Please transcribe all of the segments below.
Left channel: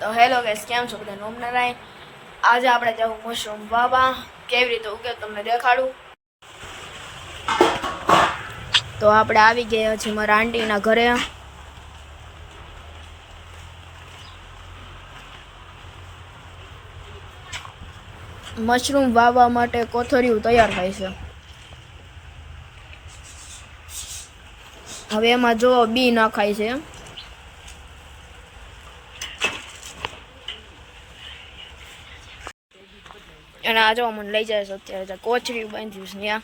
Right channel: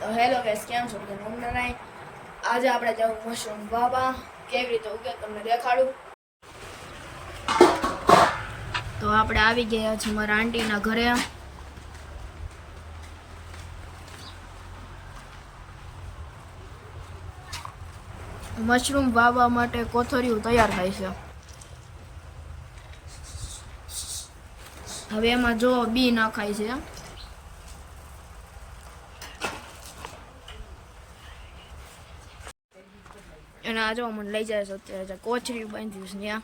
તો hello gas કેમ છો બધા? નોમ નારાયણ આજે આપણે જવું મશરૂમ વાવા કેવી રીતે ઉગે તમને દેખાડું? તો આપણે આવી ગયા છીએ મારા આંટીના ઘરે. મશરૂમ વાવવા માટે કોથળિયું તૈયાર થાય છે. હવે એમાં જો બી નાખાય છે. અને આ જો મને લઈ જાય છે અત્યારે કોચરી બાંધ્યું છે ત્યાં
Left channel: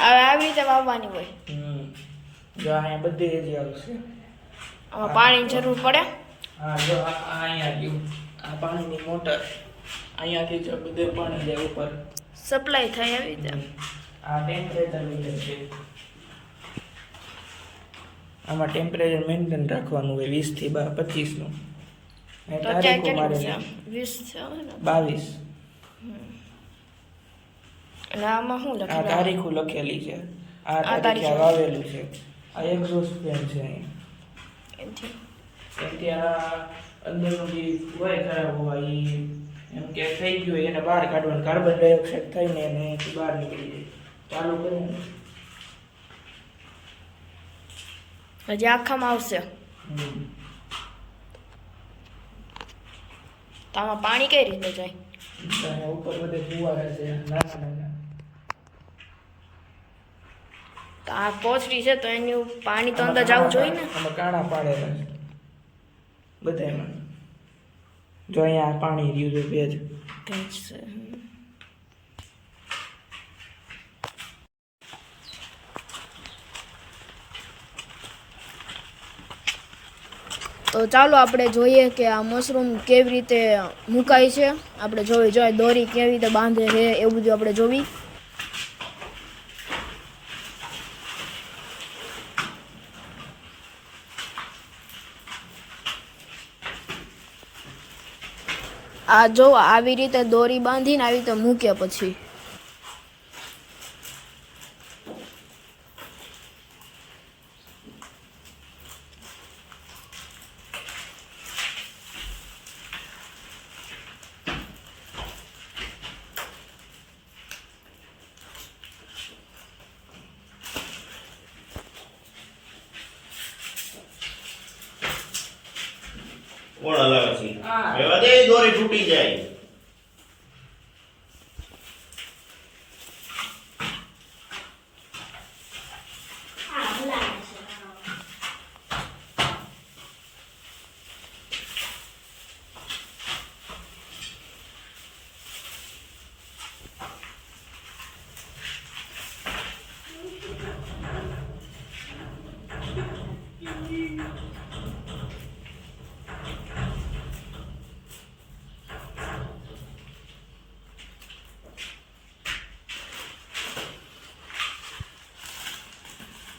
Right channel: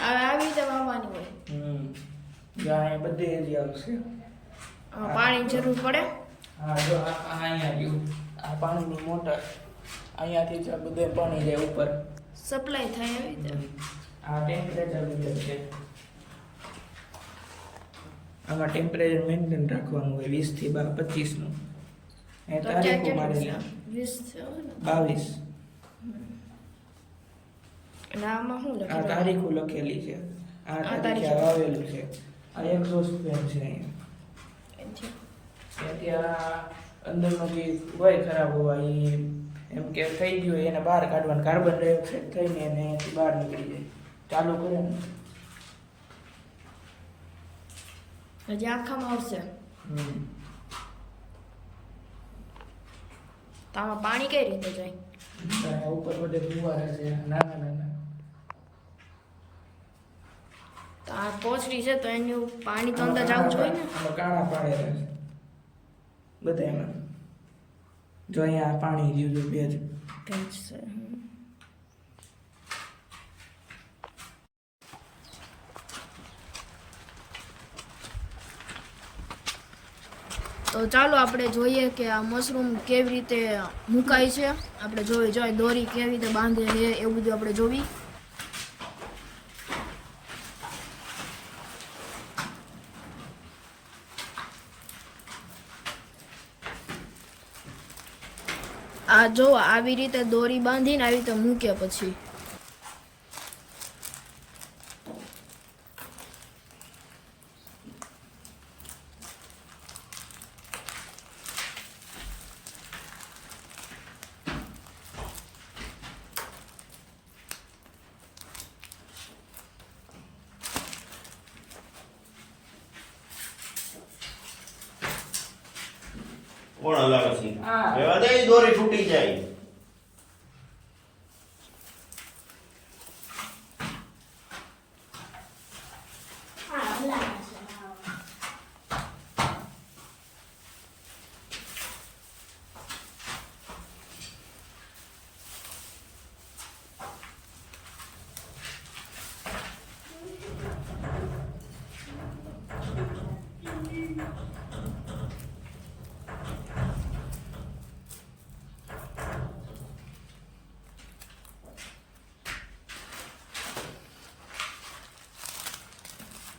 હવે આવી રીતે વાવવાની હોય. જો અહીંયા બધી હજી આવશે આમાં પાણીની જરૂર પડે? હા જો અહીંયા આ પાણીની મોટર અહીંયાથી જ બધે પાણી જાય ઉપર. સપ્લાય થાય આવી રીતે. આ ટેમ્પરેચર મીટર છે. આમાં ટેમ્પરેચર મેન્ટેન રાખવાનું હોય વીસથી બાર પચીસનું તો અત્યારે કેટલું છે વીસ છે બાવીસ. અને આમાં શું લખેલું? તારીખો લખેલી છે. આ તારીખે. વાવેલું છે. આ એક્ઝોસ્ટ ફેન છે. કેમ કે આ અંદરનું જે હોય ખરાબ હોવા એ એમ કે થઈ ગયું એને બહાર કાઢવાનું. કાર્બન ડાયોક્સાઇડ થઈને એને અહીંયાથી બહાર નીકળી જાય ચાલુ કરે ને. હજી આખામાં આવશે. તામાં પાણી કઈ રીતે જાય? ઉપર બધે ફુવારા છે નાના નાના. આ કોથળી છે તો એની પાણી તો અંદર જવું જોઈએ ને? કાણા પાડે બધા બધામાં જો અહીંયા પાણી રહ્યું છે બે જ. તો ચાલો આપણે જોઈએ કે આ મશરૂમ કેવી રીતે મુકાય છે. આપણે જોવી જોઈએ દોરી કેવી રીતે બાંધે છે, એવું બધું આપણે જોવી. આ જો આવી રીતે દોરી બાંધીને આવી રીતે મૂકે પછી કોણ હલાવે છે હા. રહેવા દે એ દોરી તૂટી જાય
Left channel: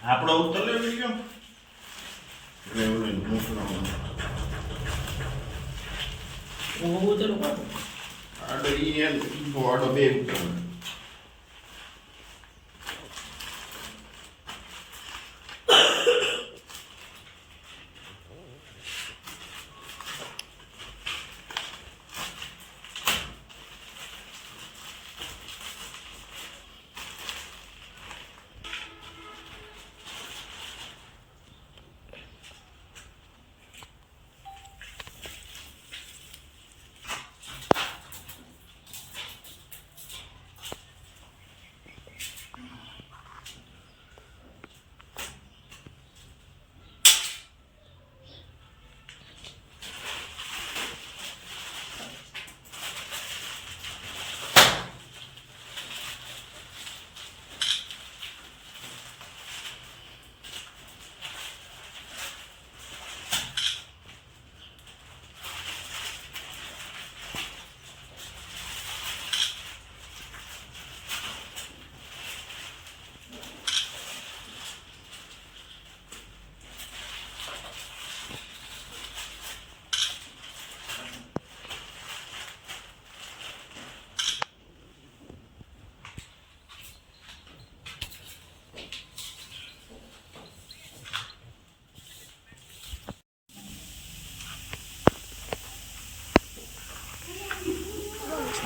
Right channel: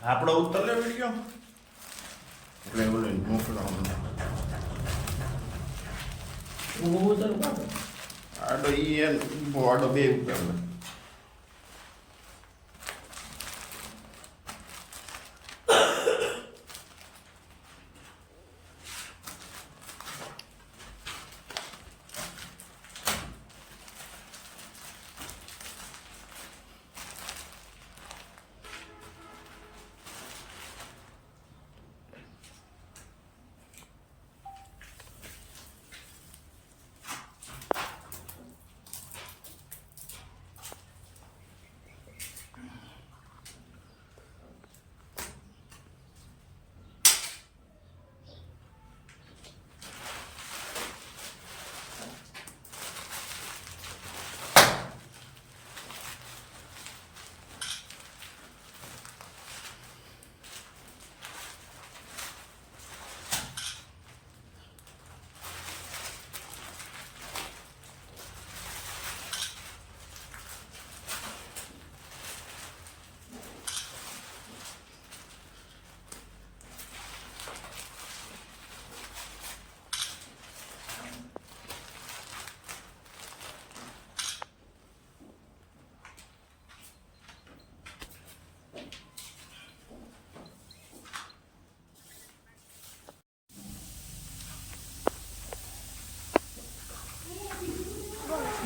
આપણો ઉત્તર લેવો કેમ એટલે એવું નહીં મોકલાવાનું ઊભું ઉતરું પાડું. આડો ઈ એમ આડો બે ઉત્તર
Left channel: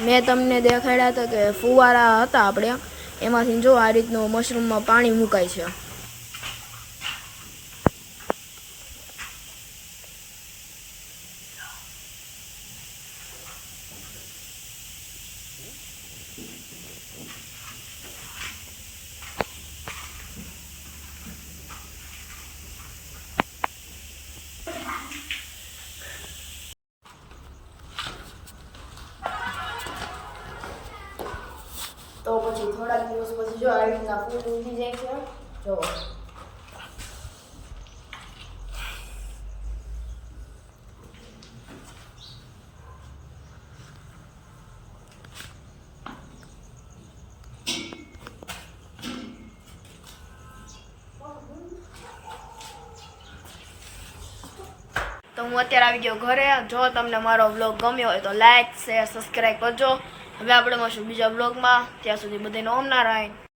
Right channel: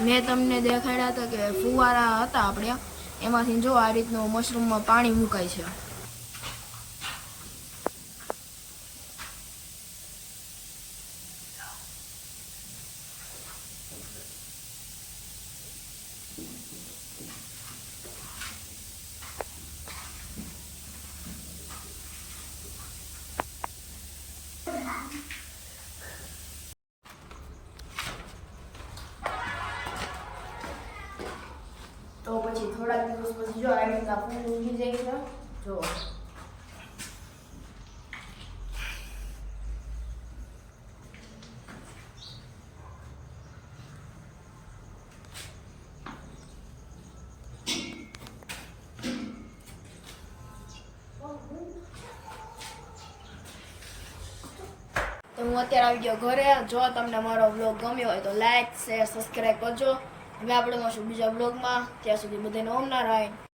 મેં તમને દેખાડ્યા હતા કે ફુવારા હતા આપણે એમાંથી જો આ રીતનું મશરૂમમાં પાણી મુકાય છે. તો પછી થોડાક દિવસ પછી જો આ રીતના ફૂલ ઊંઘી જાય છે જો તો હું અત્યારે આવી ગયો ઘરે. જો તમને મારો વ્લોગ ગમ્યો હોય તો લાઈક શેર સબસ્ક્રાઈબ કરજો. હવે આપણે મળશું બીજા બ્લોગમાં ત્યાં સુધી બધાને ઓમ નારાયણ.